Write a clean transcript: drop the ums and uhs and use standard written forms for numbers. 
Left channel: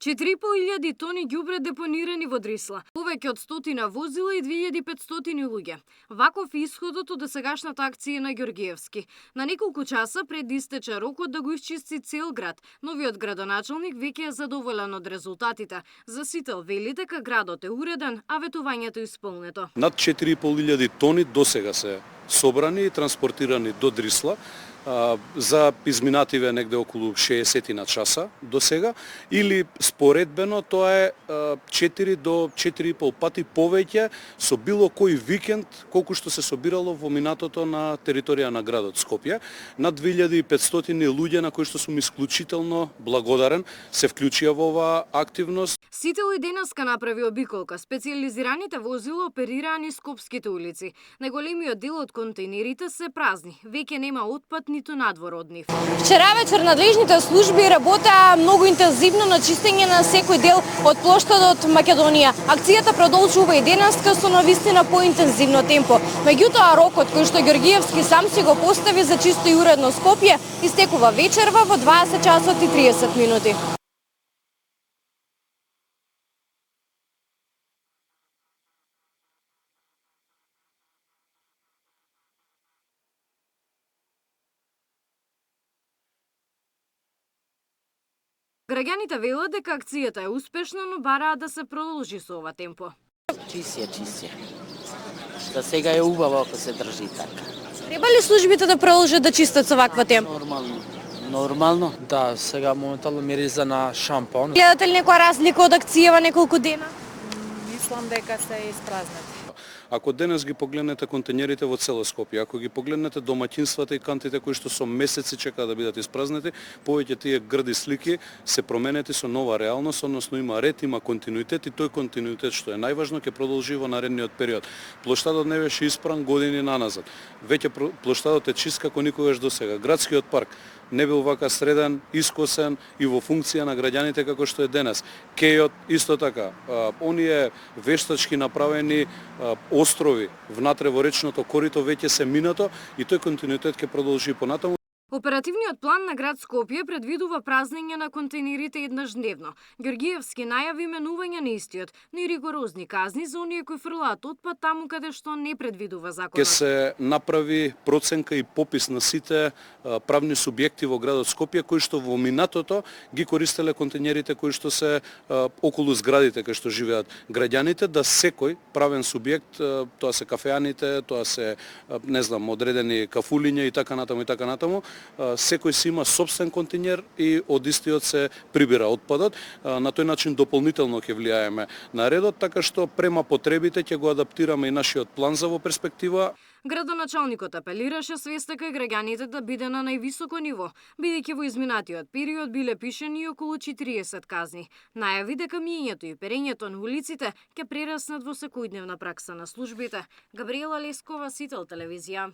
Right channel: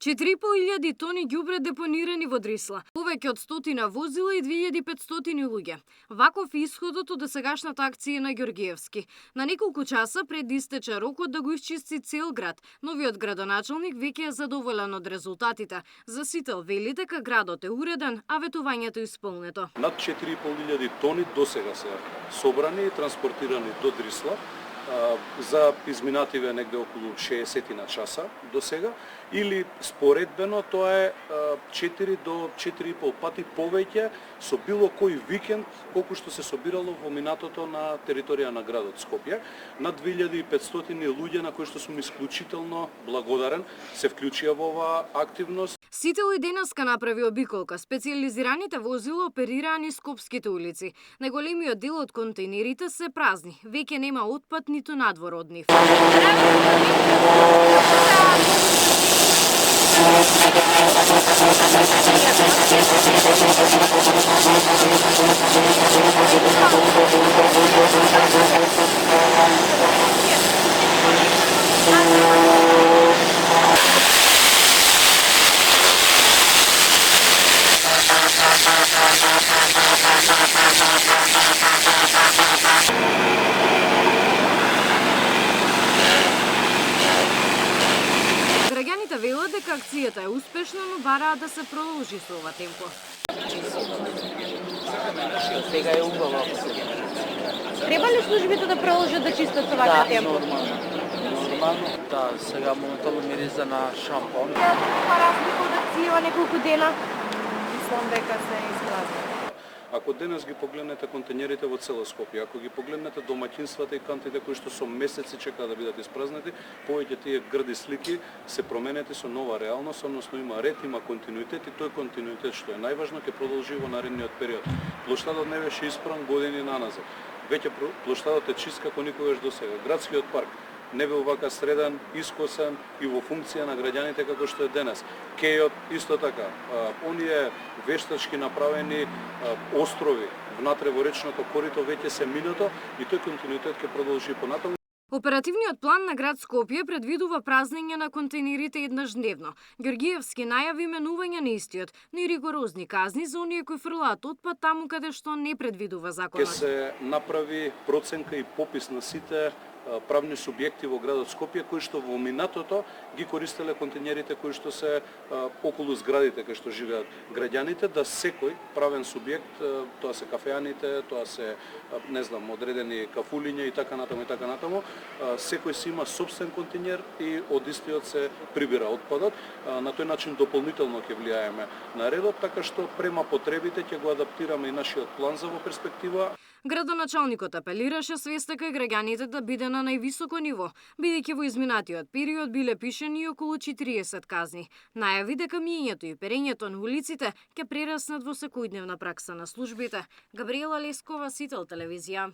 4.500 тони ѓубре депонирани во Дрисла, повеќе од 100 возила и 2500 луѓе. Ваков е исходот од досегашната акција на Ѓоргиевски. На неколку часа пред истече рокот да го исчисти цел град, новиот градоначалник веќе е задоволен од резултатите. За Сител вели дека градот е уреден, а ветувањето исполнето. Над 4.500 тони досега се собрани и транспортирани до Дрисла. За изминативе негде околу 60 на часа до сега, или споредбено тоа е 4 до 4,5 пати повеќе со било кој викенд колку што се собирало во минатото на територија на градот Скопје. Над 2500 луѓе на кои што сум исклучително благодарен се вклучија во оваа активност. Сител и денеска направи обиколка. Специјализираните возила оперираа низ скопските улици. Најголемиот дел од контейнерите се празни. Веќе нема отпад ниту надвор од нив. Вчера вечер надлежните служби работеа многу интензивно на чистење на секој дел од плоштадот во Македонија. Акцијата продолжува и денес, со навистина поинтензивно темпо. Меѓутоа рокот кој што Ѓоргиевски сам си го постави за чисто и уредно Скопје истекува вечерва во 20 часот и 30 минути. Граѓаните велат дека акцијата е успешна, но бараат да се продолжи со ова темпо. Да сега е убаво ако се држи. Треба ли службите да продолжат да чистат со вакво темпо? Нормално. Да, сега моментално мириза на шампон. Гледате ли некоја разлика од акцијава неколку дена? Мислам дека се испразни. Ако денес ги погледнете контейнерите во цело Скопје, ако ги погледнете домаќинствата и кантите кои што со месеци чекаат да бидат испразнети, повеќе тие грди слики се променети со нова реалност, односно има ред, има континуитет и тој континуитет што е најважно ќе продолжи во наредниот период. Плоштадот не беше испран години наназад. Веќе плоштадот е чист како никогаш досега. Градскиот парк не бил вака среден, искосен и во функција на граѓаните како што е денес. Кејот исто така, оние вештачки направени острови внатре во речното корито веќе се минато и тој континуитет ќе продолжи понатаму. Оперативниот план на град Скопје предвидува празнење на контейнерите еднаш дневно. Ѓоргиевски најави менување на истиот, но и ригорозни казни за оние кои фрлаат отпад таму каде што не предвидува законот. Ќе се направи проценка и попис на сите правни субјекти во градот Скопје кои што во минатото ги користеле контейнерите кои што се околу зградите кај што живеат граѓаните, да секој правен субјект, тоа се кафеаните, тоа се не знам одредени кафулиња и така натаму, секој си има собствен контейнер и од истиот се прибира отпадот. На тој начин дополнително ќе влијаеме на редот, така што према потребите ќе го адаптираме и нашиот план за во перспектива. Градоначалникот апелираше свеста кај граѓаните да биде на највисоко ниво, бидејќи во изминатиот период биле пишени околу 40 казни. Најави дека миењето и перењето на улиците ќе прераснат во секојдневна пракса на службите. Габриела Лескова, Сител телевизија.